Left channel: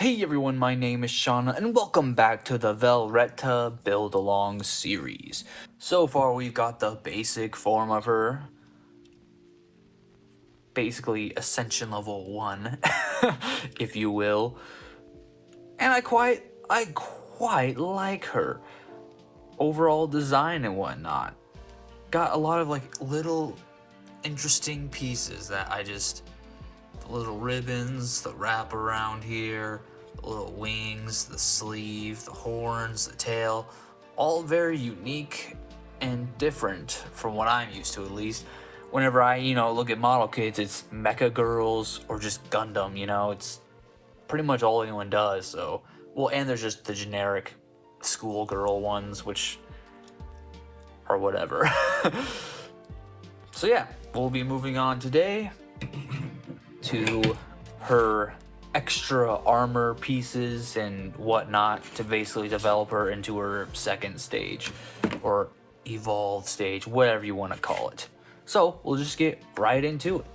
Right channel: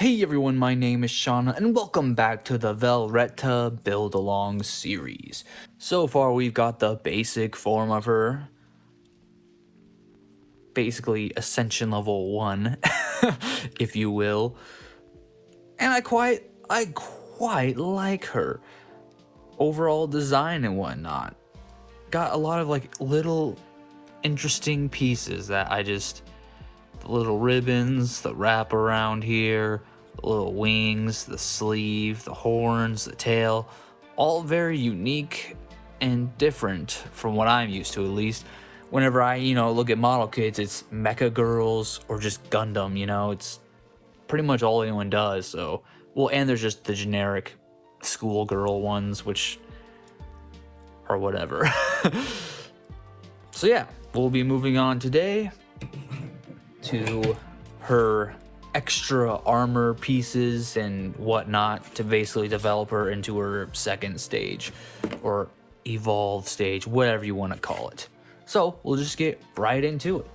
Hey everyone, my name is Shauna, and welcome back to the Velretta Build Along series. So far we've got the basic form of her, basically Ascension level 1, if you will, and I quite like her. Overall design and whatnot. Got a lot of little interesting pieces that the little ribbons, the wrap around here, the little wings, the sleeve, the horns, the tail, all very unique and different from what I'm used to, at least. Whenever I, look at model kits, it's mecha girls or just Gundam, it's pretty much all anyone does, so. Well, and there's just the generic schoolgirl ones, which or whatever. So yeah, we'll be moving on today to her extra armor pieces and whatnot to basically develop her into her second stage or evolve stage, whatever you want to call it. So we'll just get right into it.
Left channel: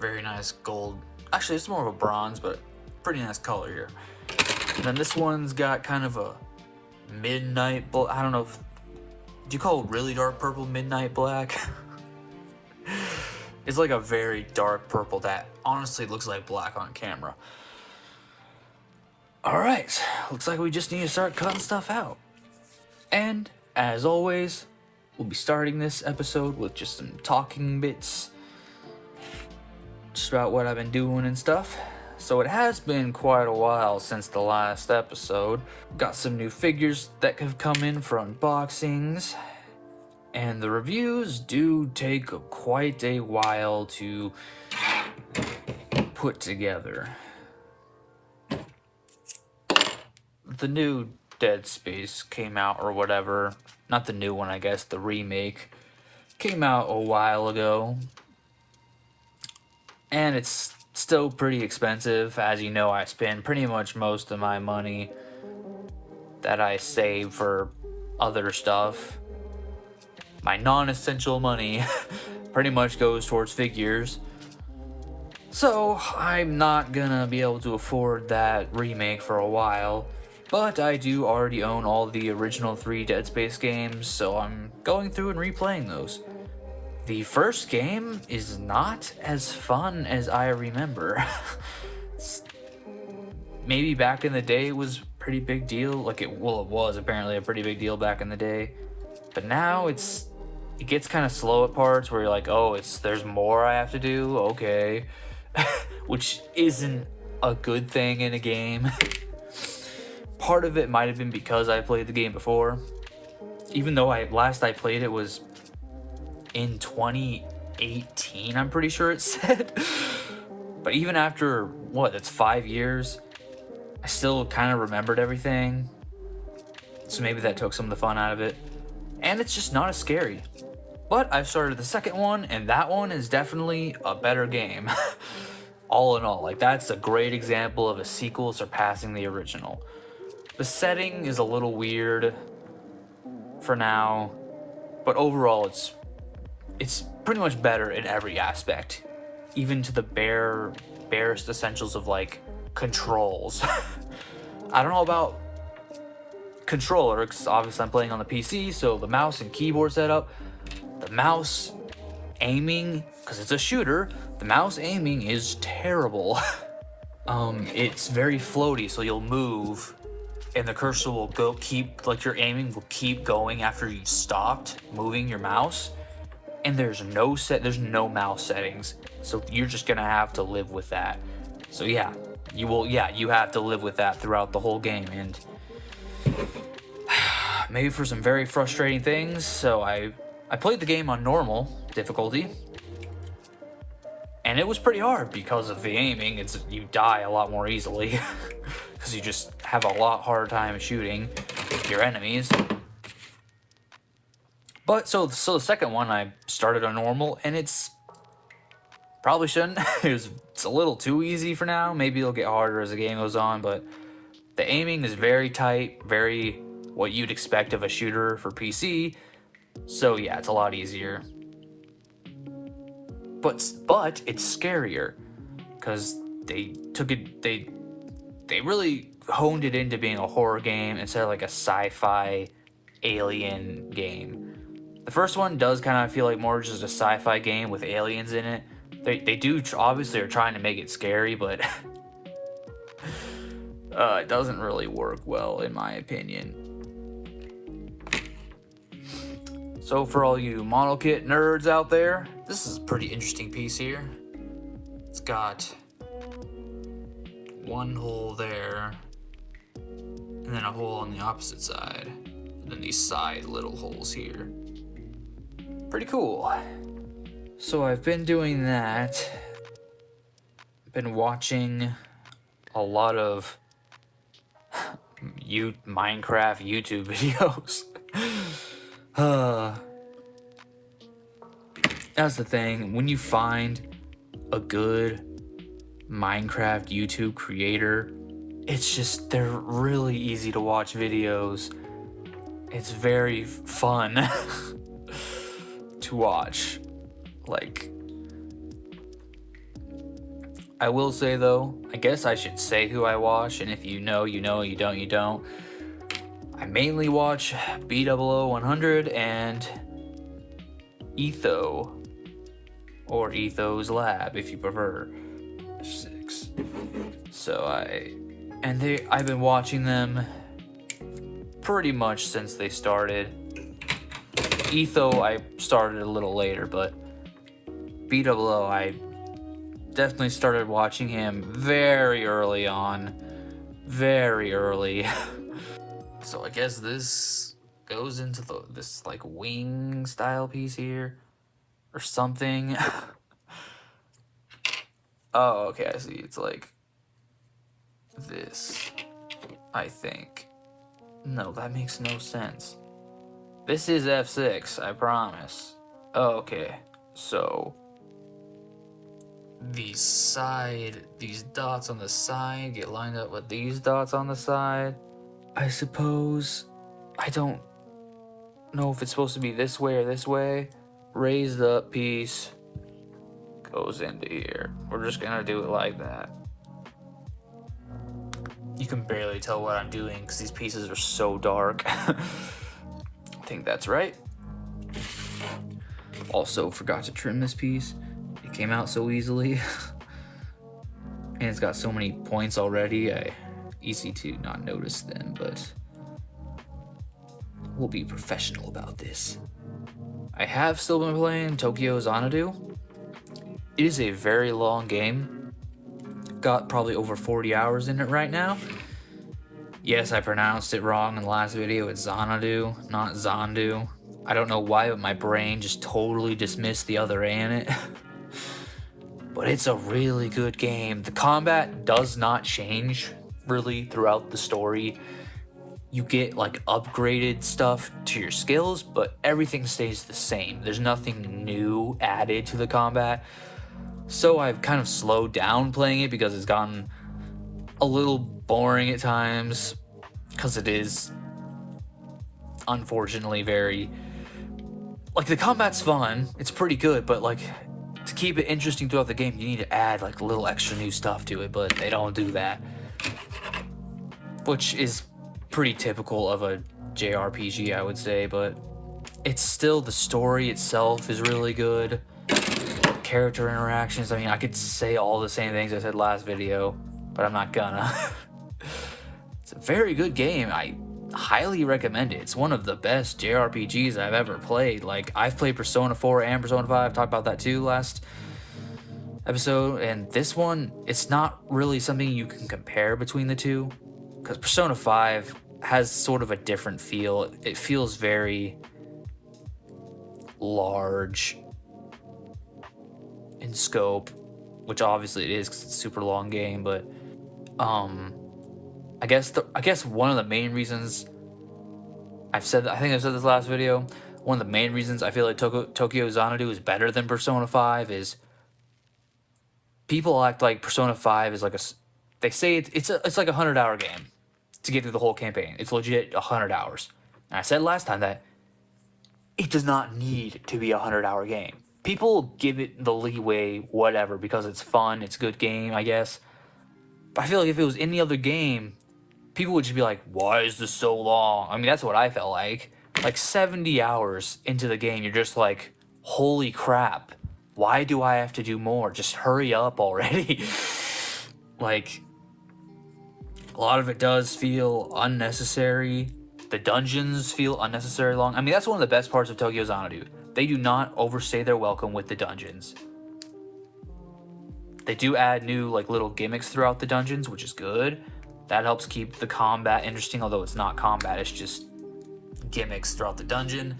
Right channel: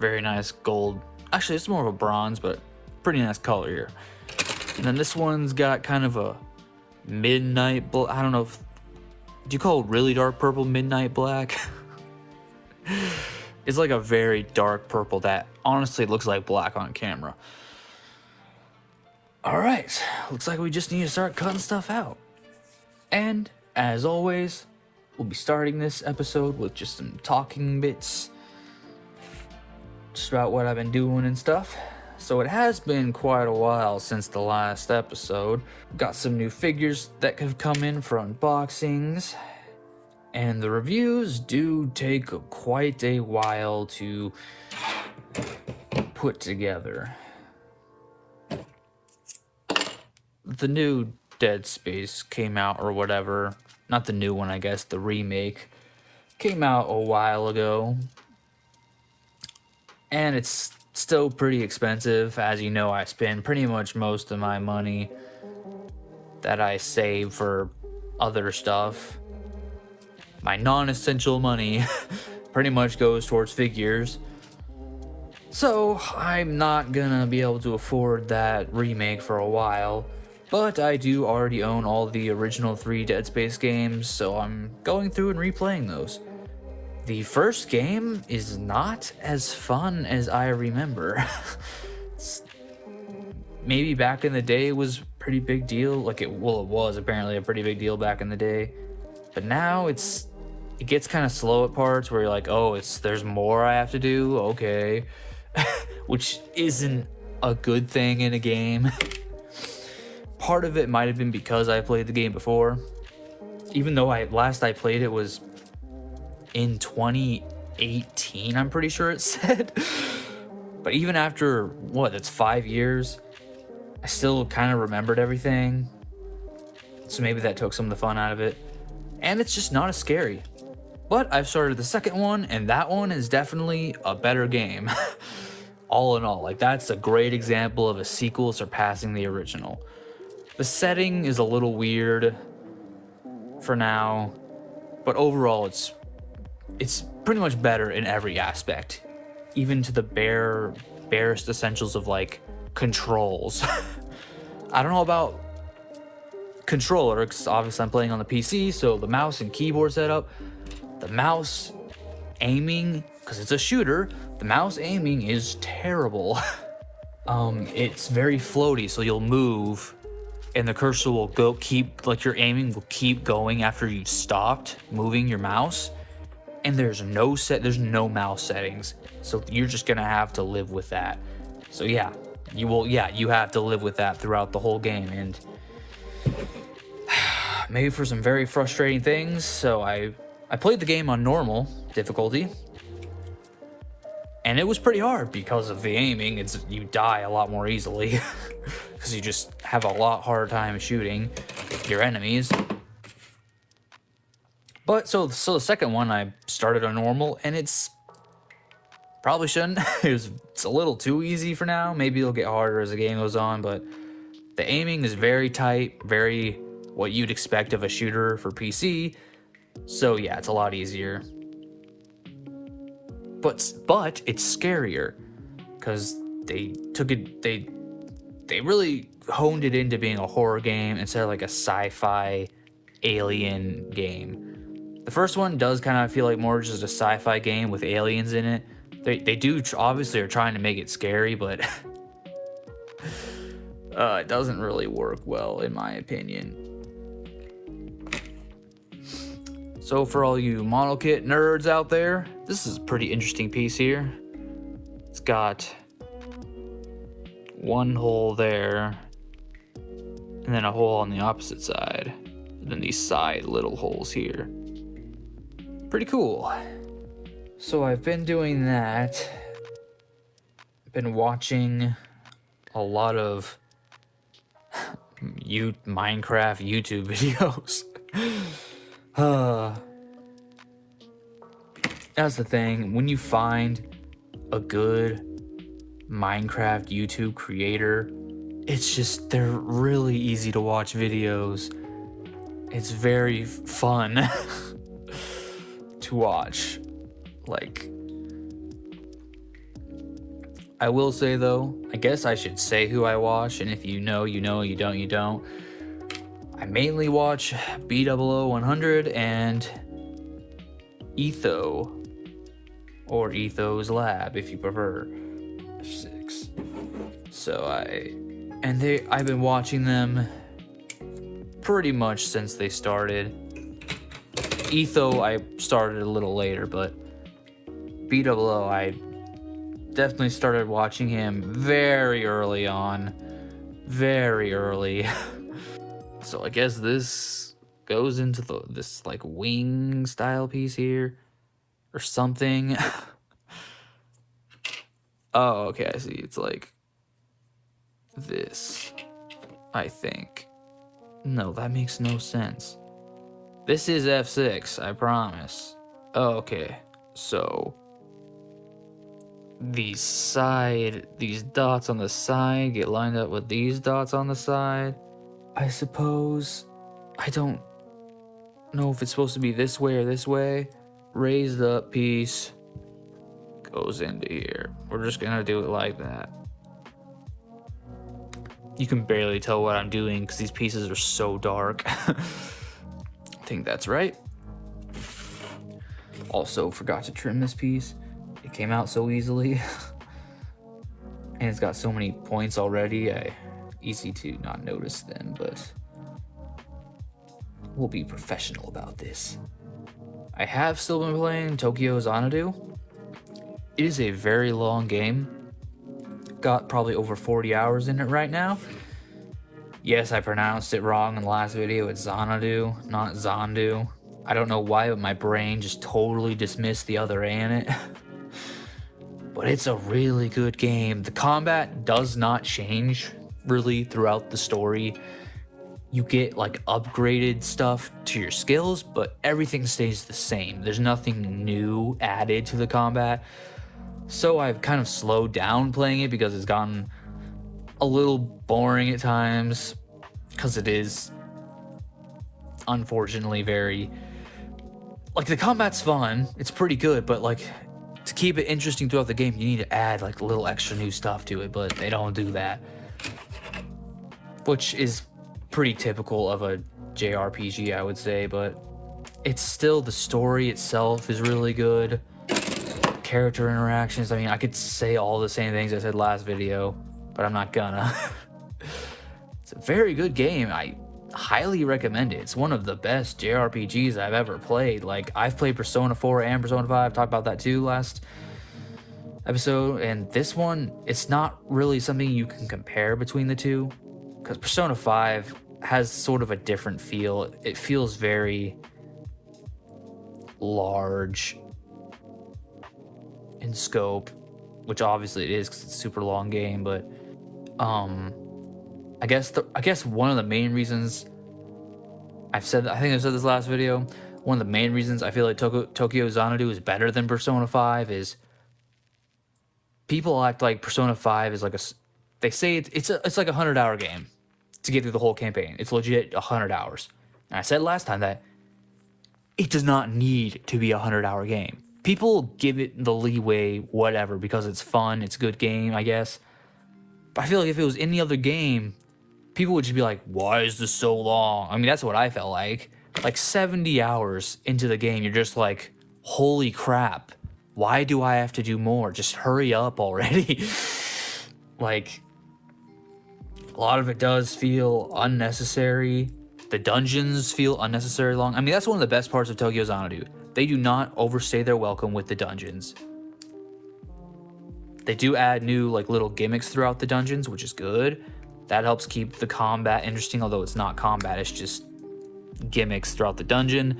Very nice gold. Actually, it's more of a bronze, but pretty nice color here. And then this one's got kind of a midnight I don't know if, do you call it really dark purple midnight black? It's like a very dark purple that honestly looks like black on camera. Alright, looks like we just need to start cutting stuff out. And, as always, we'll be starting this episode with just some talking bits. Just about what I've been doing and stuff. So it has been quite a while since the last episode. Got some new figures that have come in for unboxings. And the reviews do take quite a while to put together. The new Dead Space came out or whatever. Not the new one, I guess, the remake. Came out a while ago. And it's still pretty expensive. As you know, I spend pretty much most of my money that I save for other stuff. My non-essential money pretty much goes towards figures. So I'm not gonna be able to afford that remake for a while, but I do already own all the original 3 Dead Space games, so I'm going through and replaying those. The first game is not as fun as I remember. Maybe back in the day it was a pretty big deal, it was apparently a pretty big deal back in the day. But now it gets kind of slow at parts where you're like, oh, there's more I have to do, okay. Which isn't a good thing in a game. Part of it might have been because I played the game before. Even though last I played it was in 2018, I'm pretty sure it said. But even after, it's 5 years, I still kind of remembered everything. So maybe that took some of the fun out of it. And it's just not as scary. But I've started the second one, and that one is definitely a better game. All in all, that's a great example of a sequel surpassing the original. The setting is a little weird for now, but overall it's pretty much better in every aspect. Even to the barest essentials of controls. I don't know about controller, because obviously I'm playing on the PC, so the mouse and keyboard setup, the mouse aiming, because it's a shooter, the mouse aiming is terrible. It's very floaty, so you'll move and the cursor will your aiming will keep going after you've stopped moving your mouse, and there's no mouse settings, so you're just gonna have to live with that. So you have to live with that throughout the whole game, and maybe for some very frustrating things. So I played the game on normal difficulty, and it was pretty hard because of the aiming. You die a lot more easily because you just have a lot harder time shooting your enemies. But so the second one I started on normal, and it's probably shouldn't. It's a little too easy for now. Maybe it'll get harder as the game goes on, but the aiming is very tight, very what you'd expect of a shooter for PC. So yeah, it's a lot easier. But it's scarier because they they really honed it into being a horror game instead of like a sci-fi alien game. The first one does kind of feel like more just a sci-fi game with aliens in it. They do obviously are trying to make it scary, but it doesn't really work well in my opinion. So for all you model kit nerds out there, this is a pretty interesting piece here. It's got one hole there, and then a hole on the opposite side, and then these side little holes here. Pretty cool. So I've been doing that. I've been watching a lot of Minecraft YouTube videos. That's the thing. When you find a good Minecraft YouTube creator, it's just, they're really easy to watch videos. It's very fun to watch. Like, I will say though, I guess I should say who I watch, and if you know, you know, you don't, you don't. I mainly watch B00-100 and Etho, or Etho's Lab if you prefer. 6. So I've been watching them pretty much since they started. Etho I started a little later, but B00 I definitely started watching him very early on. Very early. So I guess this goes into this like wing style piece here or something. Oh, okay, I see. It's like this, I think. No, that makes no sense. This is F6, I promise. Oh, okay. So these dots on the side get lined up with these dots on the side. I suppose. I don't know if it's supposed to be this way or this way. Raised up piece goes into here. We're just gonna do it like that. You can barely tell what I'm doing because these pieces are so dark. I think that's right. Also forgot to trim this piece. It came out so easily. And it's got so many points already. Easy to not notice them, but we'll be professional about this. I have still been playing Tokyo Xanadu. It is a very long game. Got probably over 40 hours in it right now. Yes, I pronounced it wrong in the last video. It's Xanadu, not Zandu. I don't know why, but my brain just totally dismissed the other A in it. But it's a really good game. The combat does not change really throughout the story. You get like upgraded stuff to your skills, but everything stays the same. There's nothing new added to the combat. So I've kind of slowed down playing it because it's gotten a little boring at times, because it is unfortunately very, like, the combat's fun, it's pretty good, but like to keep it interesting throughout the game you need to add like a little extra new stuff to it, but they don't do that, which is pretty typical of a JRPG, I would say. But it's still, the story itself is really good. Character interactions, I mean, I could say all the same things I said last video, but I'm not gonna. It's a very good game. I highly recommend it. It's one of the best JRPGs I've ever played. Like, I've played Persona 4 and Persona 5, talked about that too last episode, and this one, it's not really something you can compare between the two, because Persona 5 has sort of a different feel. It feels very large in scope, which obviously it is because it's a super long game, but I guess one of the main reasons I think I've said this last video, one of the main reasons I feel like Tokyo Xanadu is better than Persona 5 is people act like Persona 5 is like they say it's like a 100-hour game to get through the whole campaign. It's legit 100 hours. And I said last time that it does not need to be a 100-hour game. People give it the leeway, whatever, because it's fun, it's a good game, I guess. But I feel like if it was any other game, people would just be like, why is this so long? I mean, that's what I felt like. Like 70 hours into the game, you're just like, holy crap. Why do I have to do more? Just hurry up already. Like, a lot of it does feel unnecessary. The dungeons feel unnecessarily long. I mean, that's one of the best parts of Tokyo Xanadu. They do not overstay their welcome with the dungeons. They do add new like little gimmicks throughout the dungeons, which is good. That helps keep the combat interesting, although it's not combat, it's just gimmicks throughout the dungeon.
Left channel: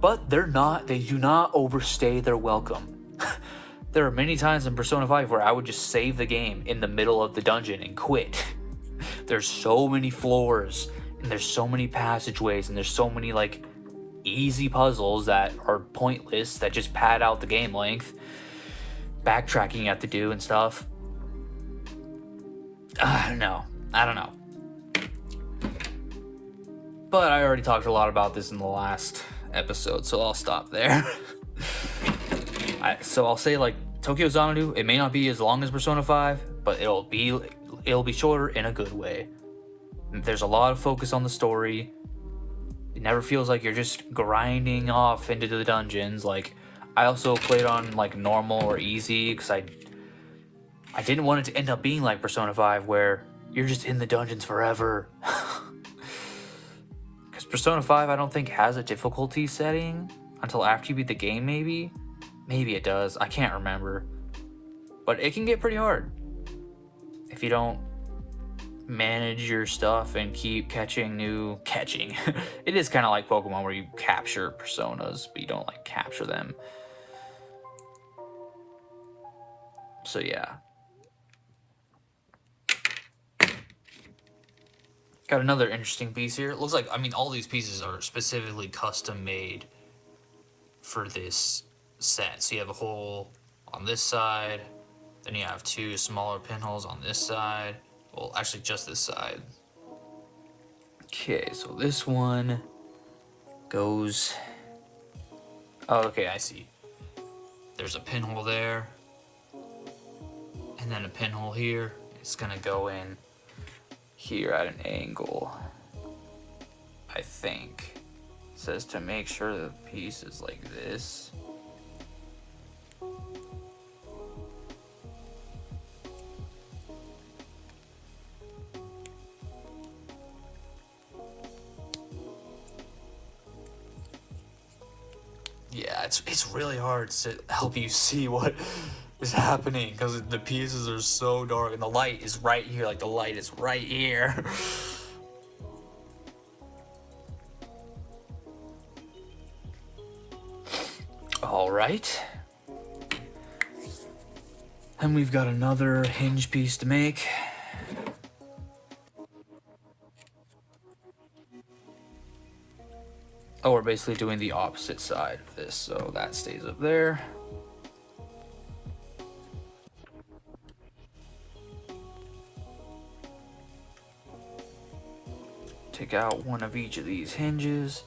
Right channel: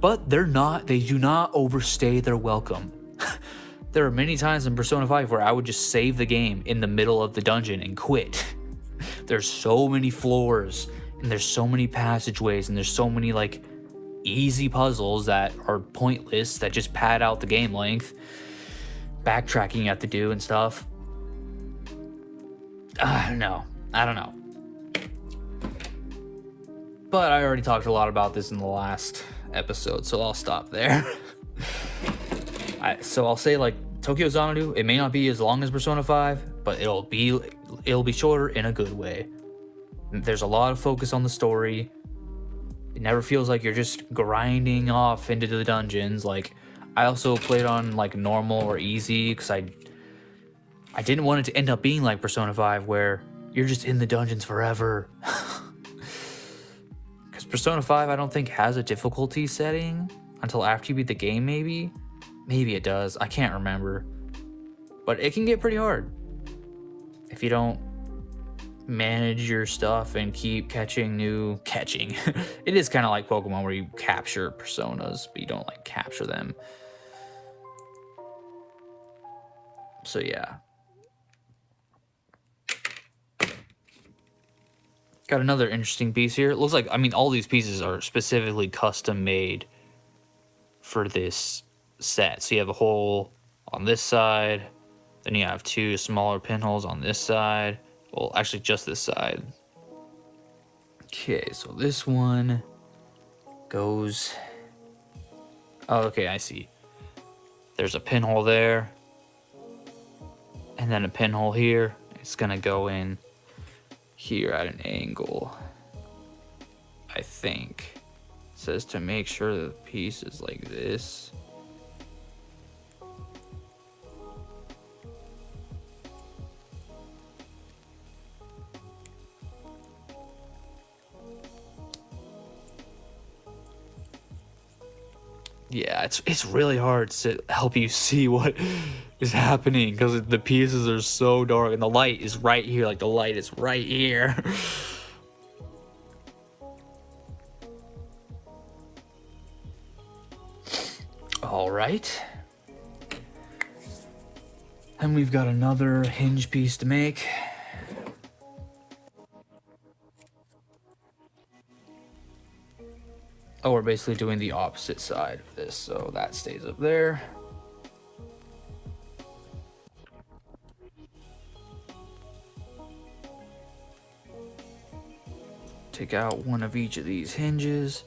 But they do not overstay their welcome. There are many times in Persona 5 where I would just save the game in the middle of the dungeon and quit. There's so many floors, and there's so many passageways, and there's so many like easy puzzles that are pointless, that just pad out the game length. Backtracking you have to do and stuff. I don't know. But I already talked a lot about this in the last episode, so I'll stop there. So I'll say, like, Tokyo Xanadu, it may not be as long as Persona 5, but it'll be shorter in a good way. There's a lot of focus on the story. It never feels like you're just grinding off into the dungeons. Like, I also played on like normal or easy because I didn't want it to end up being like Persona 5 where you're just in the dungeons forever. Because Persona 5 I don't think has a difficulty setting until after you beat the game, maybe it does, I can't remember, but it can get pretty hard if you don't manage your stuff and keep catching. It is kind of like Pokemon where you capture personas but you don't like capture them. So yeah, got another interesting piece here. It looks like, I mean, all these pieces are specifically custom made for this set. So you have a hole on this side, then you have two smaller pinholes on this side. Well, actually just this side. Okay, so this one goes, oh, okay, I see. There's a pinhole there, and then a pinhole here. It's gonna go in here at an angle, I think. It says to make sure the piece is like this. Yeah, it's really hard to help you see what is happening because the pieces are so dark and the light is right here. Like, the light is right here. All right. And we've got another hinge piece to make. Oh, we're basically doing the opposite side of this, so that stays up there. Take out one of each of these hinges.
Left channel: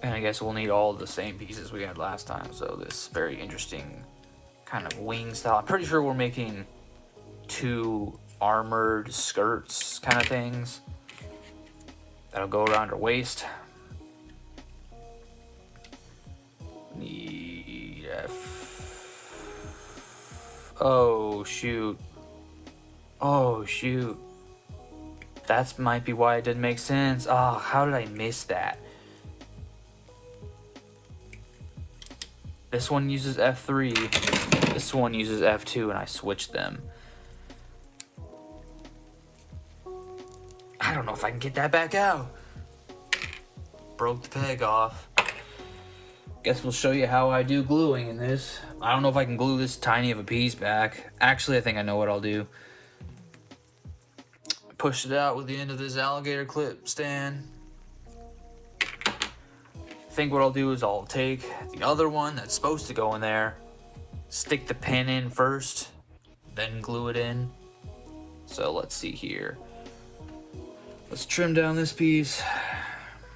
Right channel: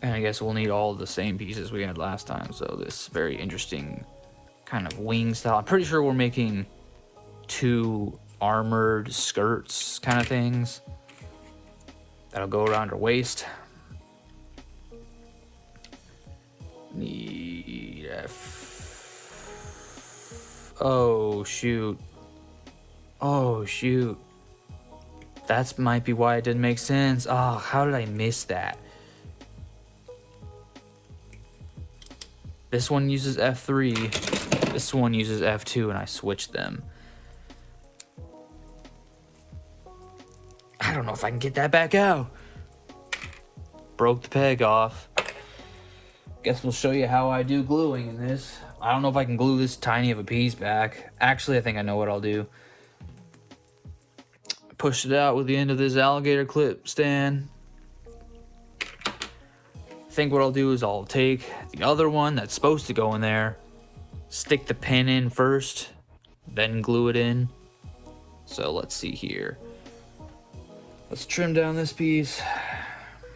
And I guess we'll need all the same pieces we had last time. So this very interesting kind of wing style. I'm pretty sure we're making two armored skirts kind of things that'll go around her waist. Oh shoot. Oh shoot. That might be why it didn't make sense. Oh, how did I miss that? This one uses F3, this one uses F2, and I switched them. I don't know if I can get that back out. Broke the peg off. Guess we'll show you how I do gluing in this. I don't know if I can glue this tiny of a piece back. Actually, I think I know what I'll do. Push it out with the end of this alligator clip stand. I think what I'll do is I'll take the other one that's supposed to go in there, stick the pin in first, then glue it in. So let's see here. Let's trim down this piece.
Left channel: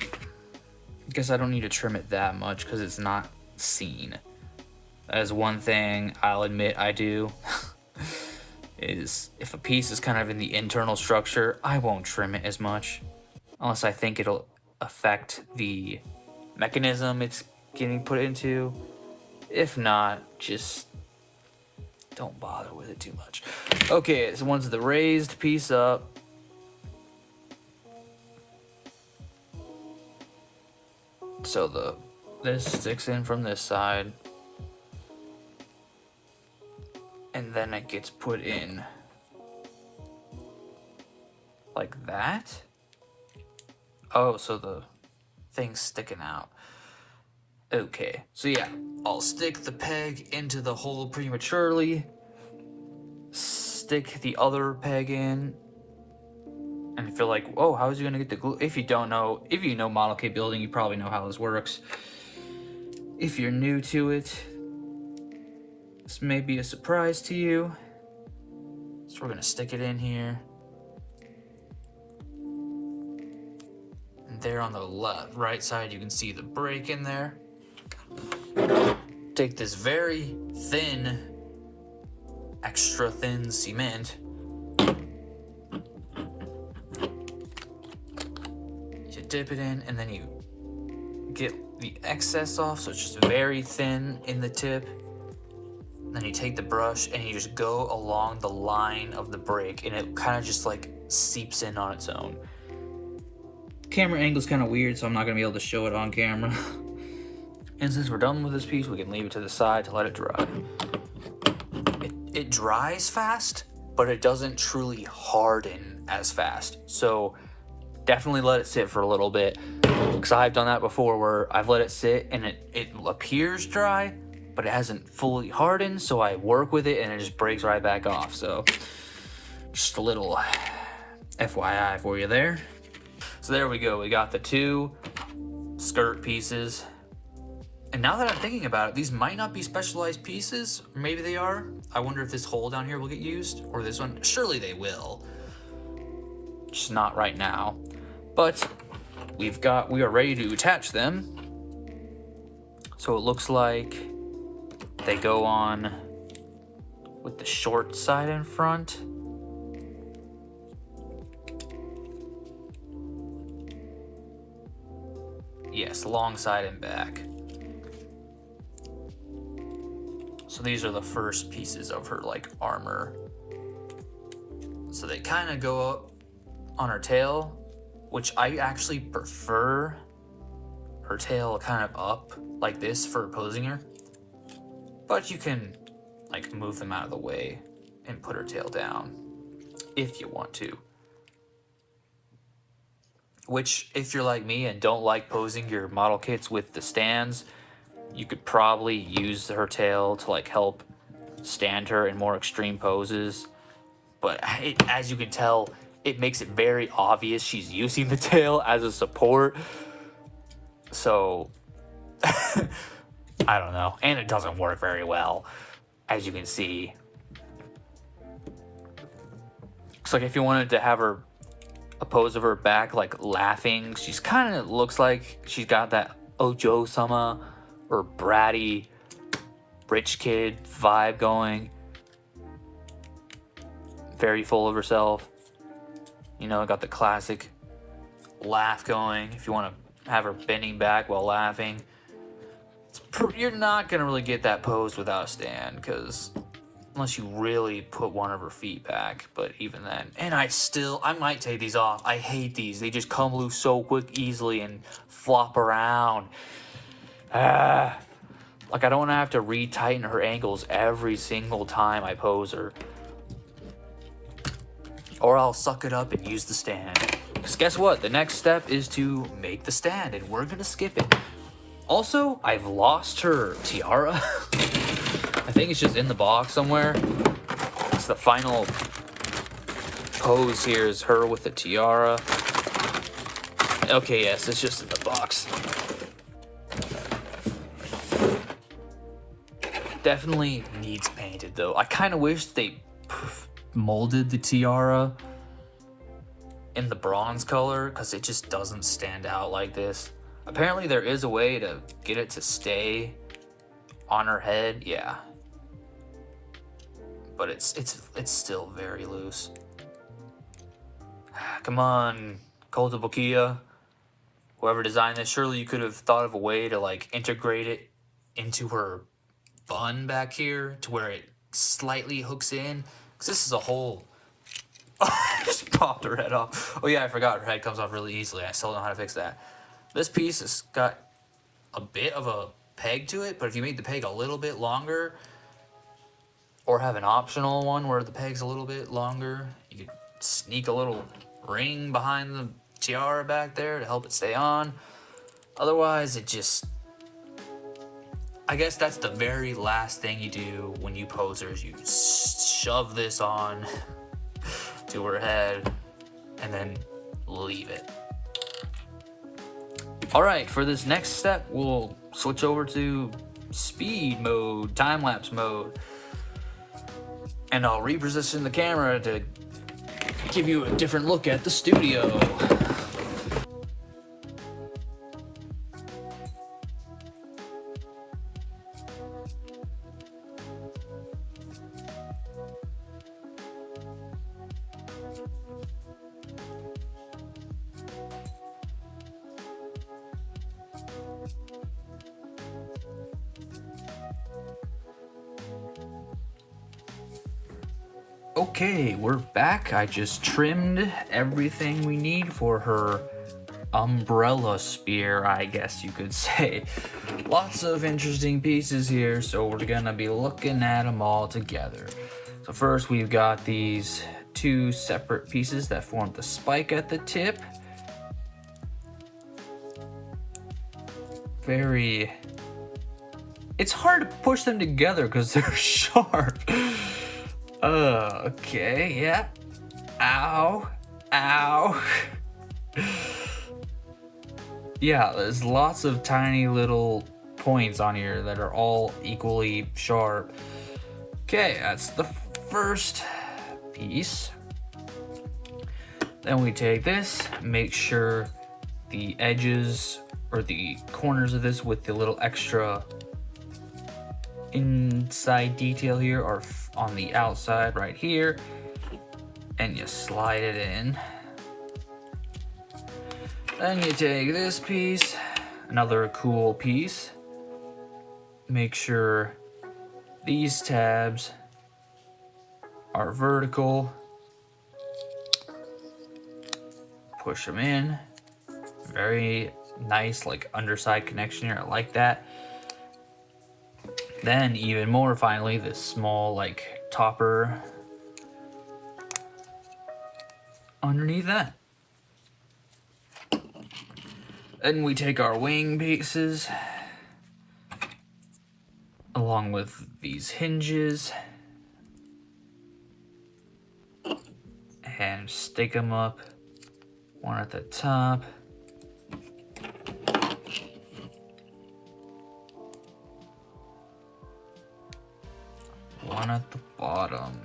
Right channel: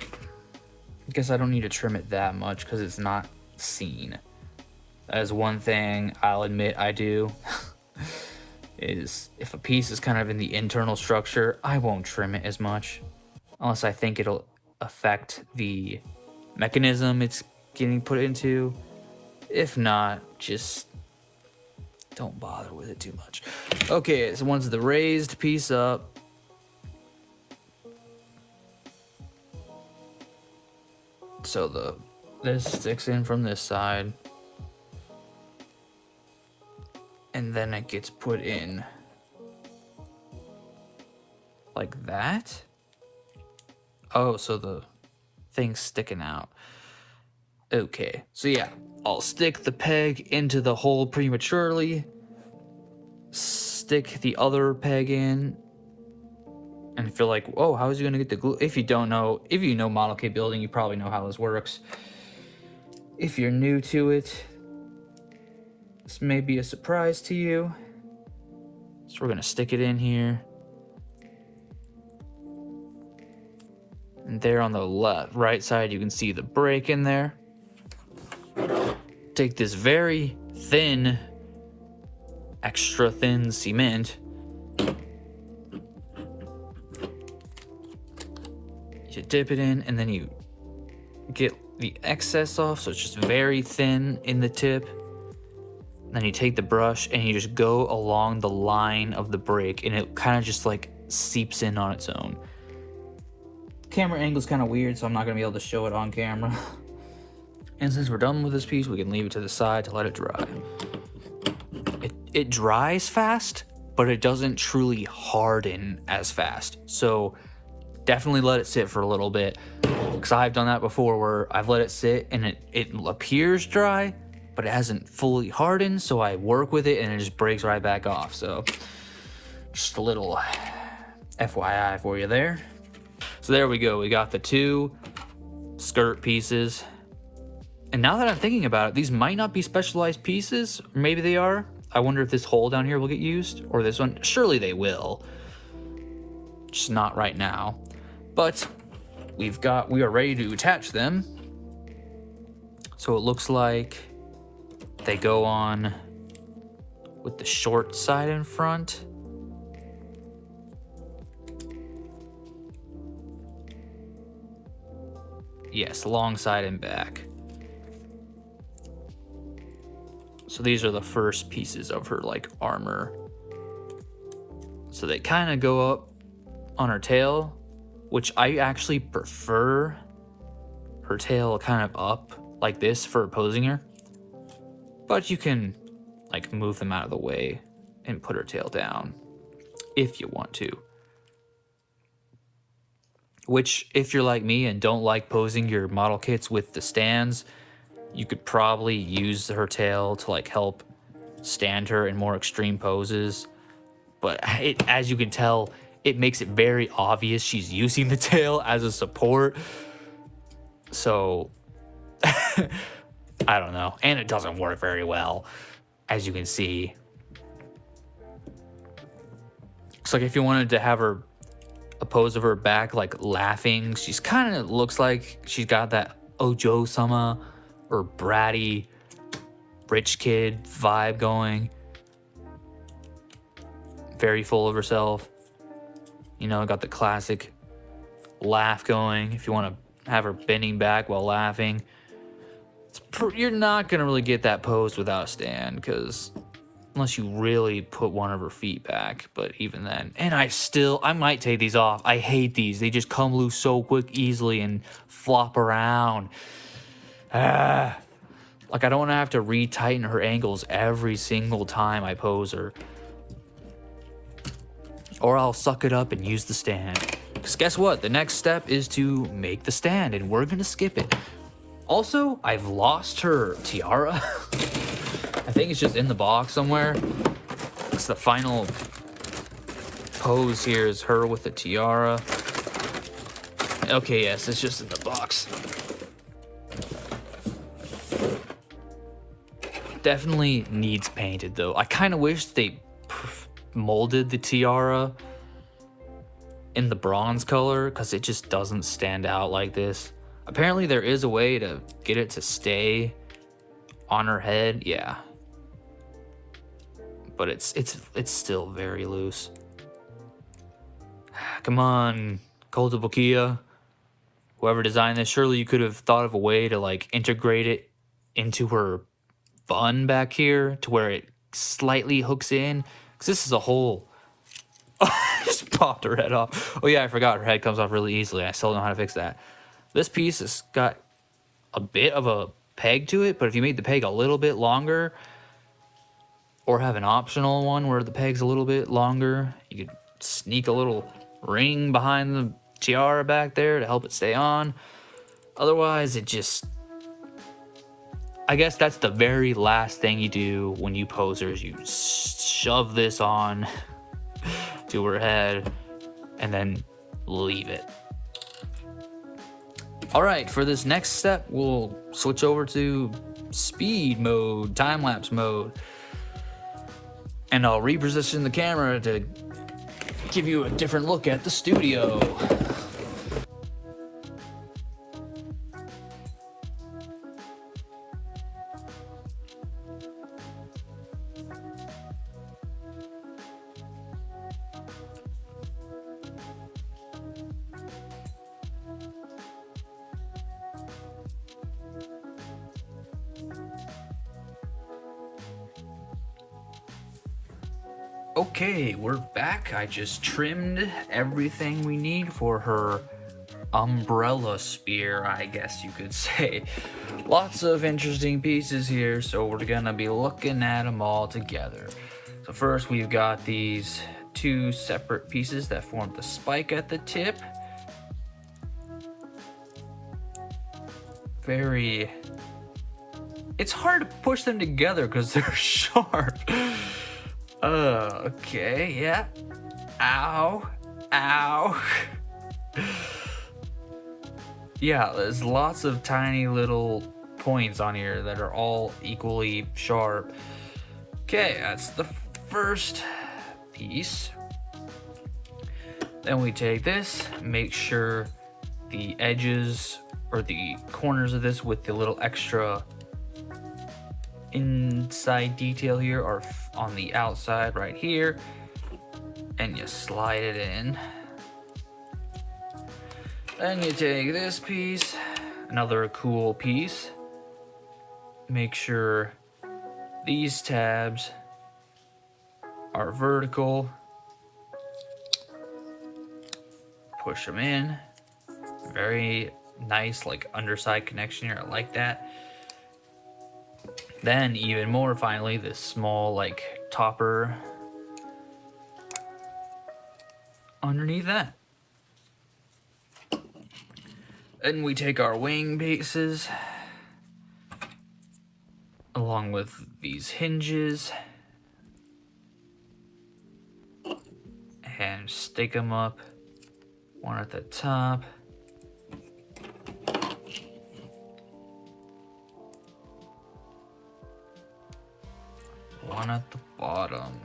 I guess I don't need to trim it that much because it's not seen. That is one thing I'll admit I do. Is if a piece is kind of in the internal structure, I won't trim it as much. Unless I think it'll affect the mechanism it's getting put into. If not, just don't bother with it too much. Okay, so once the raised piece up, so this sticks in from this side, and then it gets put in like that. Oh, so the thing's sticking out. Okay, so yeah, I'll stick the peg into the hole prematurely, stick the other peg in, and feel like, oh, how is he gonna get the glue? If you don't know, if you know model kit building, you probably know how this works. If you're new to it, this may be a surprise to you. So we're gonna stick it in here. And there on the right side, you can see the break in there. Take this very thin, extra thin cement. You dip it in, and then you get the excess off, so it's just very thin in the tip. Then you take the brush and you just go along the line of the break, and it kind of just like seeps in on its own. Camera angle's kind of weird, so I'm not gonna be able to show it on camera. And since we're done with this piece, we can leave it to the side to let it dry. It dries fast, but it doesn't truly harden as fast. So definitely let it sit for a little bit. Because I've done that before where I've let it sit and it appears dry, but it hasn't fully hardened. So I work with it and it just breaks right back off. So just a little FYI for you there. So there we go. We got the two skirt pieces. And now that I'm thinking about it, these might not be specialized pieces. Or maybe they are. I wonder if this hole down here will get used, or this one. Surely they will. Just not right now. But we are ready to attach them. So it looks like they go on with the short side in front. Yes, long side and back. So these are the first pieces of her like armor. So they kind of go up on her tail, which I actually prefer her tail kind of up like this for posing her. But you can like move them out of the way and put her tail down if you want to. Which, if you're like me and don't like posing your model kits with the stands, you could probably use her tail to like help stand her in more extreme poses. But as you can tell, it makes it very obvious she's using the tail as a support. So, I don't know. And it doesn't work very well, as you can see. It's like if you wanted to have her a pose of her back like laughing, she's kind of looks like she's got that Ojo-sama or bratty rich kid vibe going. Very full of herself. You know, got the classic laugh going. If you want to have her bending back while laughing, you're not gonna really get that pose without a stand, because unless you really put one of her feet back. But even then, and I might take these off. I hate these. They just come loose so quick, easily, and flop around. Like I don't want to have to retighten her ankles every single time I pose her. Or I'll suck it up and use the stand. Because guess what? The next step is to make the stand, and we're gonna skip it. Also, I've lost her tiara. I think it's just in the box somewhere. It's the final pose here is her with the tiara. Okay, yes, it's just in the box. Definitely needs painted though. I kind of wish they molded the tiara in the bronze color because it just doesn't stand out like this. Apparently there is a way to get it to stay on her head, yeah. But it's still very loose. Come on, Koltabokia. Whoever designed this, surely you could have thought of a way to like integrate it into her bun back here to where it slightly hooks in. Cause this is a whole. Just popped her head off. Oh yeah, I forgot her head comes off really easily. I still don't know how to fix that. This piece has got a bit of a peg to it, but if you made the peg a little bit longer, or have an optional one where the peg's a little bit longer, you could sneak a little ring behind the tiara back there to help it stay on. Otherwise, it just... I guess that's the very last thing you do when you posers. You shove this on to her head and then leave it. All right, for this next step, we'll switch over to speed mode, time-lapse mode. And I'll reposition the camera to give you a different look at the studio. Okay, we're back. I just trimmed everything we need for her umbrella spear, I guess you could say. Lots of interesting pieces here, so we're gonna be looking at them all together. So first we've got these two separate pieces that form the spike at the tip. It's hard to push them together because they're sharp. Okay, yeah. Ow. Ow. Yeah, there's lots of tiny little points on here that are all equally sharp. Okay, that's the first piece. Then we take this, make sure the edges or the corners of this with the little extra inside detail here are on the outside right here, and you slide it in. Then you take this piece, another cool piece, make sure these tabs are vertical, push them in. Very nice like underside connection here, I like that. Then even more finally, this small like topper underneath that. Then we take our wing pieces along with these hinges and stick them up, one at the top, one at the bottom.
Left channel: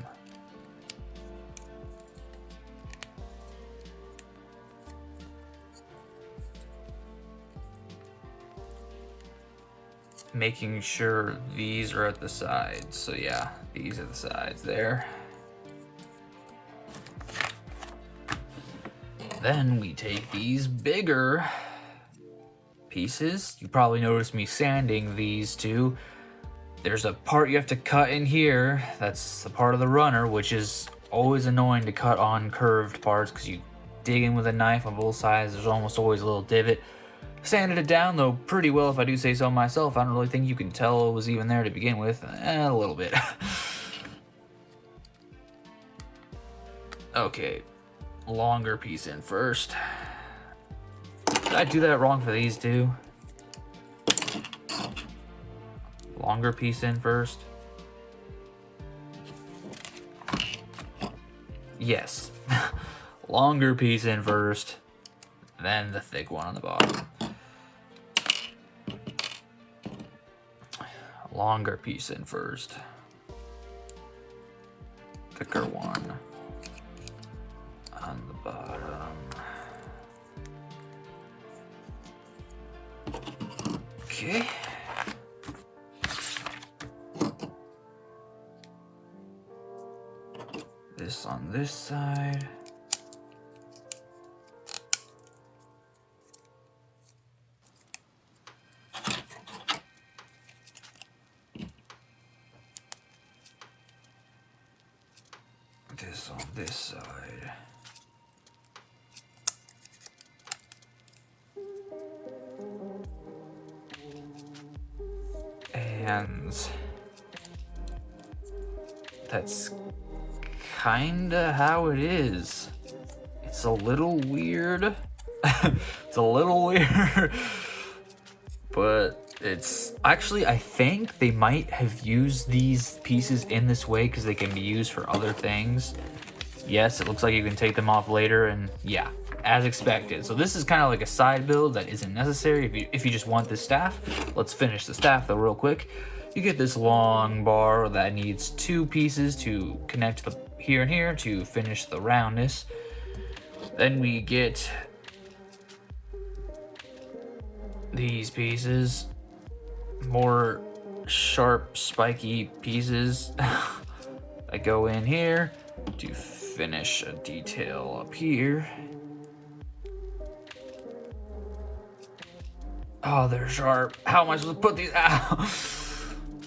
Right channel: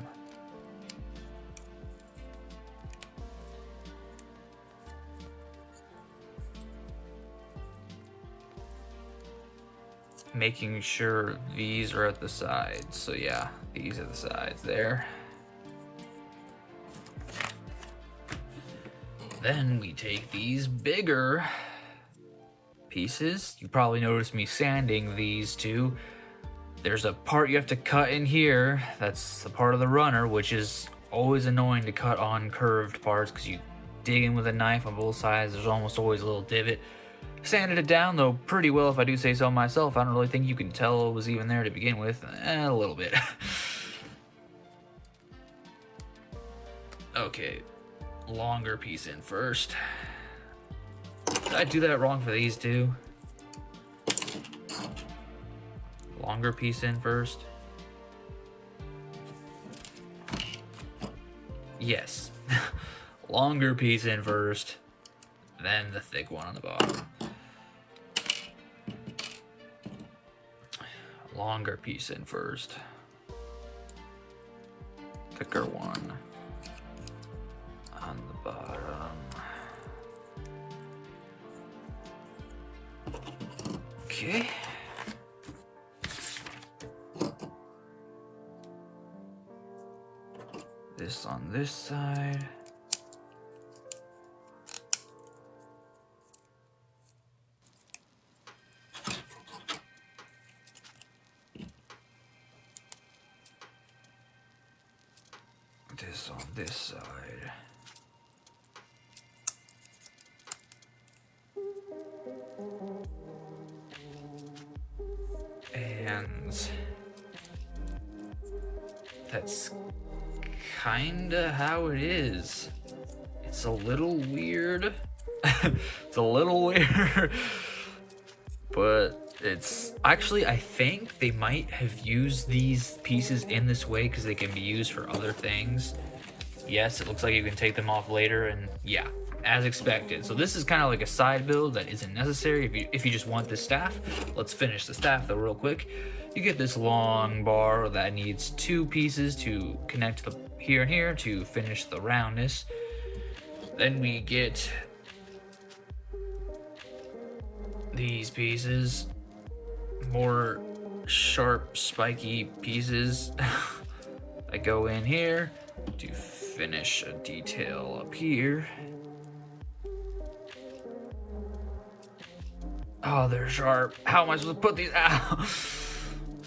Making sure these are at the sides. So yeah, these are the sides there. Then we take these bigger pieces. You probably noticed me sanding these two. There's a part you have to cut in here. That's the part of the runner, which is always annoying to cut on curved parts because you dig in with a knife on both sides. There's almost always a little divot. Sanded it down though pretty well, if I do say so myself. I don't really think you can tell it was even there to begin with. A little bit. Okay, longer piece in first. Did I do that wrong for these two? Longer piece in first. Yes. Longer piece in first, then the thick one on the bottom. Longer piece in first. Thicker one. on the bottom. Okay. This on this side. This on this side. And that's kinda how it is. It's a little weird. It's a little weird. But it's actually, I think they might have used these pieces in this way because they can be used for other things. Yes, it looks like you can take them off later, and yeah, as expected. So this is kind of like a side build that isn't necessary if you just want this staff. Let's finish the staff though real quick. You get this long bar that needs 2 pieces to connect the here and here to finish the roundness. Then we get these pieces, more sharp spiky pieces that go in here to finish a detail up here. Oh, they're sharp. How am I supposed to put these out?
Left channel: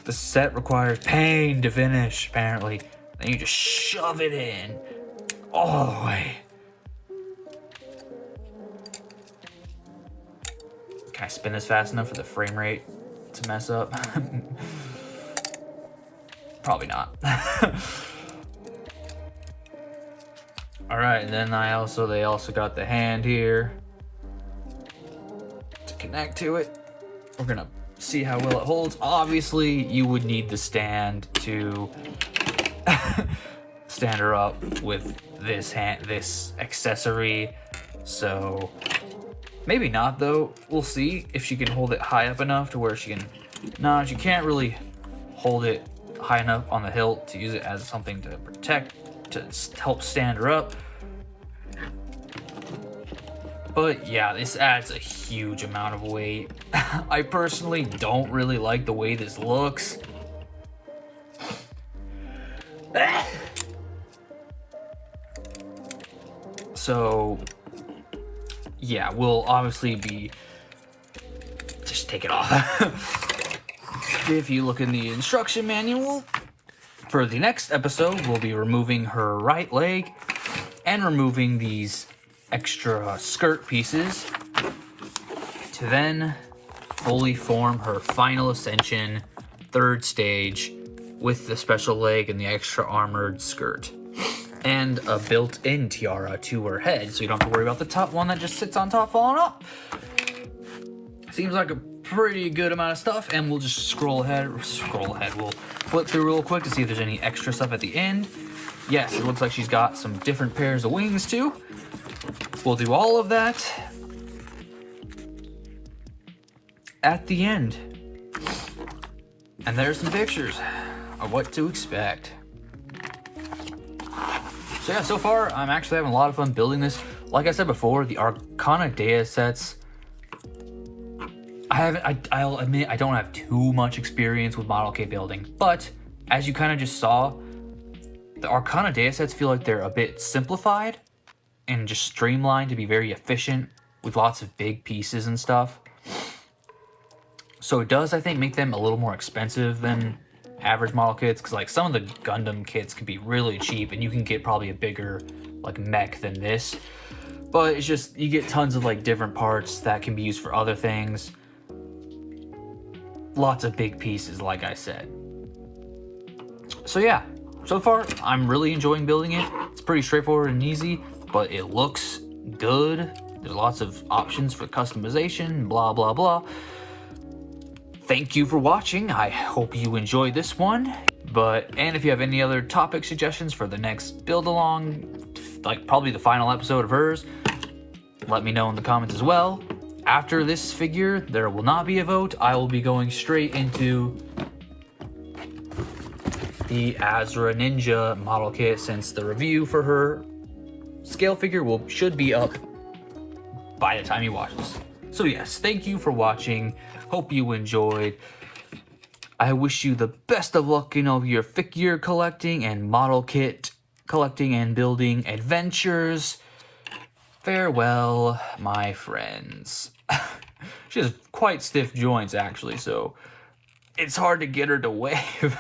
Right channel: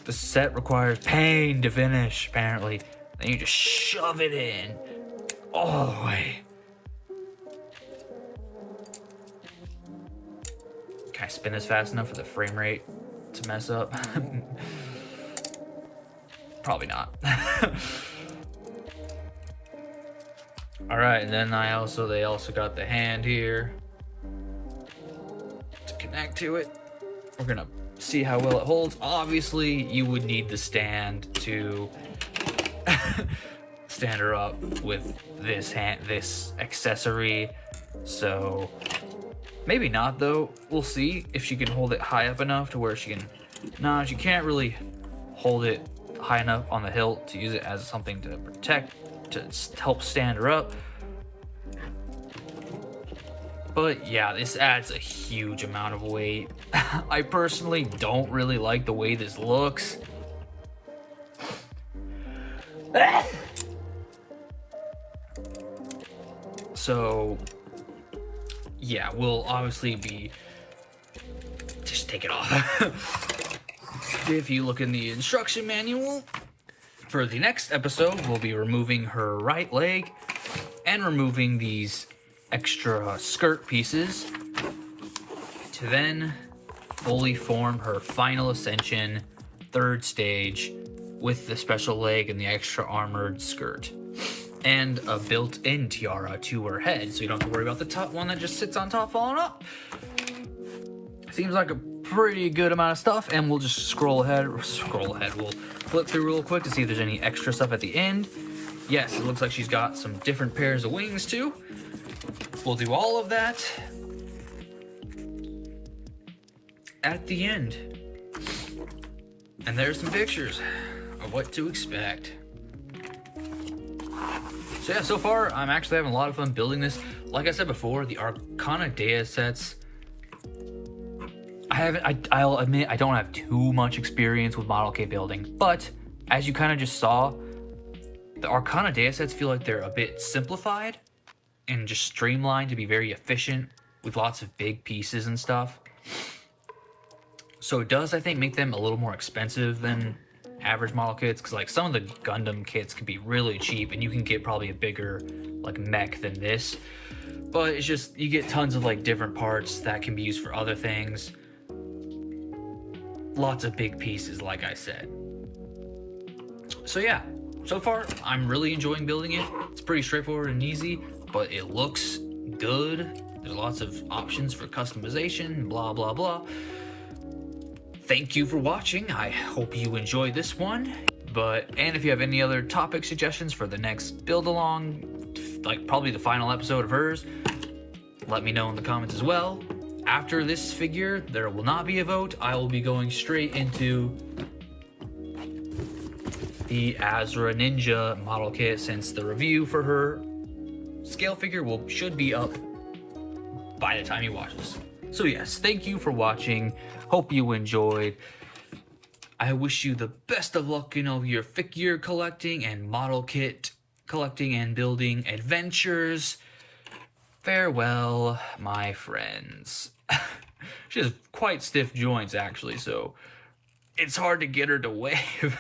The set requires pain to finish, apparently. Then you just shove it in all the way. Can I spin this fast enough for the frame rate to mess up? Probably not. All right, and then they also got the hand here to connect to it. We're gonna see how well it holds. Obviously, you would need the stand to stand her up with this accessory. So maybe not though. We'll see if she can hold it high up enough to where she can. No, she can't really hold it high enough on the hilt to use it as something to protect, to help stand her up. But yeah, this adds a huge amount of weight. I personally don't really like the way this looks. So yeah, we'll obviously be, just take it off. If you look in the instruction manual, for the next episode, we'll be removing her right leg and removing these extra skirt pieces to then fully form her final ascension, 3rd stage, with the special leg and the extra armored skirt. And a built-in tiara to her head, so you don't have to worry about the top one that just sits on top falling off. Seems like a pretty good amount of stuff, and we'll just scroll ahead. We'll flip through real quick to see if there's any extra stuff at the end. Yes, it looks like she's got some different pairs of wings too. We'll do all of that at the end. And there's some pictures of what to expect. So yeah, so far I'm actually having a lot of fun building this. Like I said before, the Arcanadea sets, I'll admit I don't have too much experience with model kit building, but as you kind of just saw, the Arcanadea sets feel like they're a bit simplified and just streamlined to be very efficient with lots of big pieces and stuff. So it does, I think, make them a little more expensive than average model kits, because like some of the Gundam kits can be really cheap and you can get probably a bigger like mech than this, but it's just you get tons of like different parts that can be used for other things. Lots of big pieces, like I said. So yeah, so far I'm really enjoying building it. It's pretty straightforward and easy, but it looks good. There's lots of options for customization, blah blah blah. Thank you for watching. I hope you enjoyed this one. And if you have any other topic suggestions for the next build along, like probably the final episode of hers, let me know in the comments as well. After this figure, there will not be a vote. I will be going straight into the Azra Ninja model kit, since the review for her scale figure should be up by the time you watch this. So yes, thank you for watching. Hope you enjoyed. I wish you the best of luck in all your figure collecting and model kit collecting and building adventures. Farewell, my friends. She has quite stiff joints, actually, so it's hard to get her to wave.